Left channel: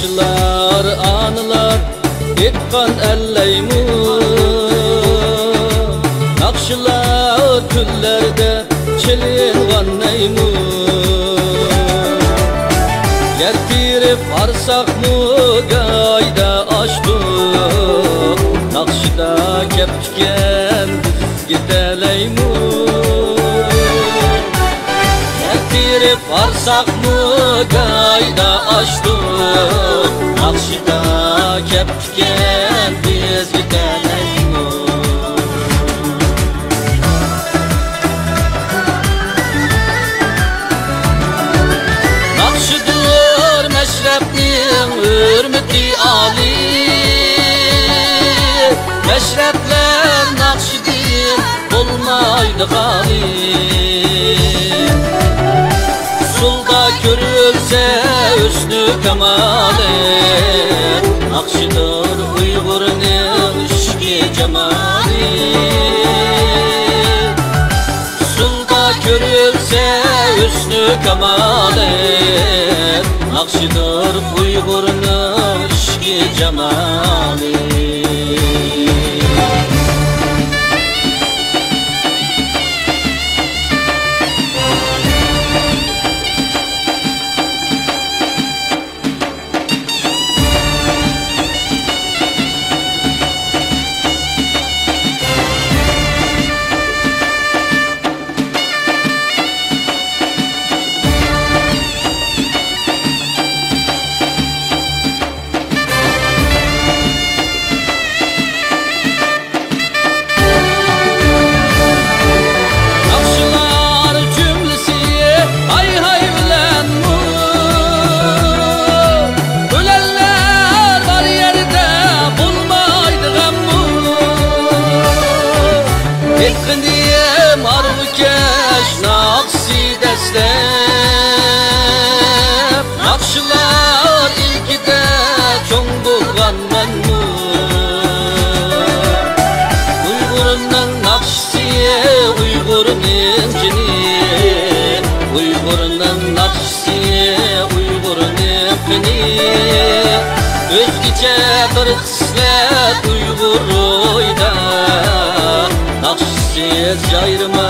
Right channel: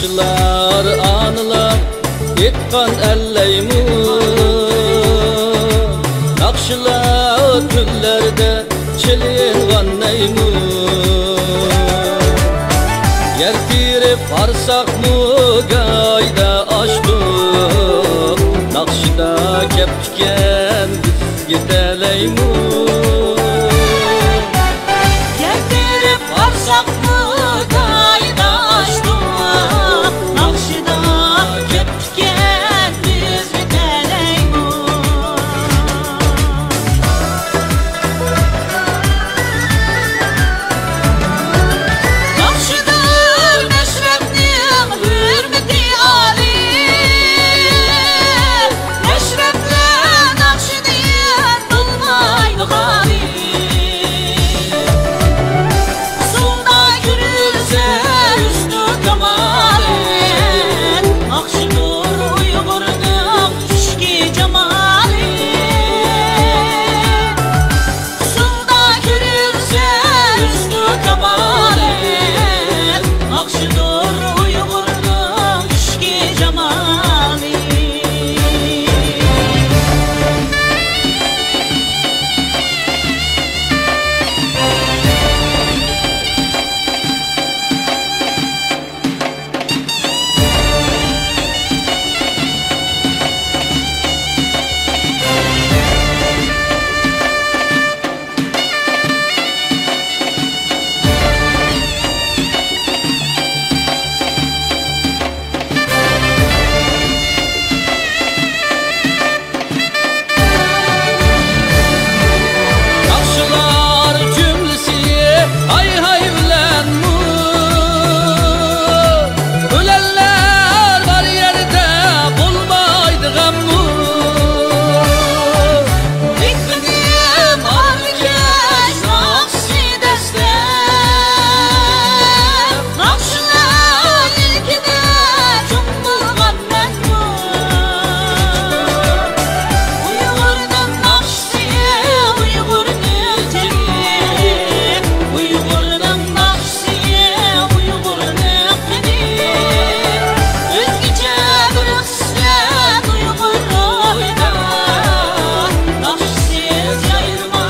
Nakşılar, anılar etkan elleymun. Nakşılar tüllerde çelingan neymun. Yertirip varsak mı gayda açtık. Nakşıda kepken biz gideleymun. Yertirip varsak mı gayda açtık. Nakşıda kepken biz gideleymun. Nakşıdır meşrepnin hürmeti âli. Meşrepler nakşidir olmaydı hali. Sulda görülse üstü kemali. Nakşidir Uygur'un işki cemali. Sulda görülse üstü kemali. Nakşidir Uygur'un işki cemali. Nakşılar cümlesi hay hay ülen mu? Ölenler var yerde bulmaydı gam mu? Ekkindim arvikeş nakşi deslep. Nakşılar ilkide çoğun bulgan men mu? Uygur'un nakşisiye Uygur'un Uygur'un nakşisiye Uygur'un kini. Özgüce bir kısmet Uygur oyda. Nakşisiz jayrıma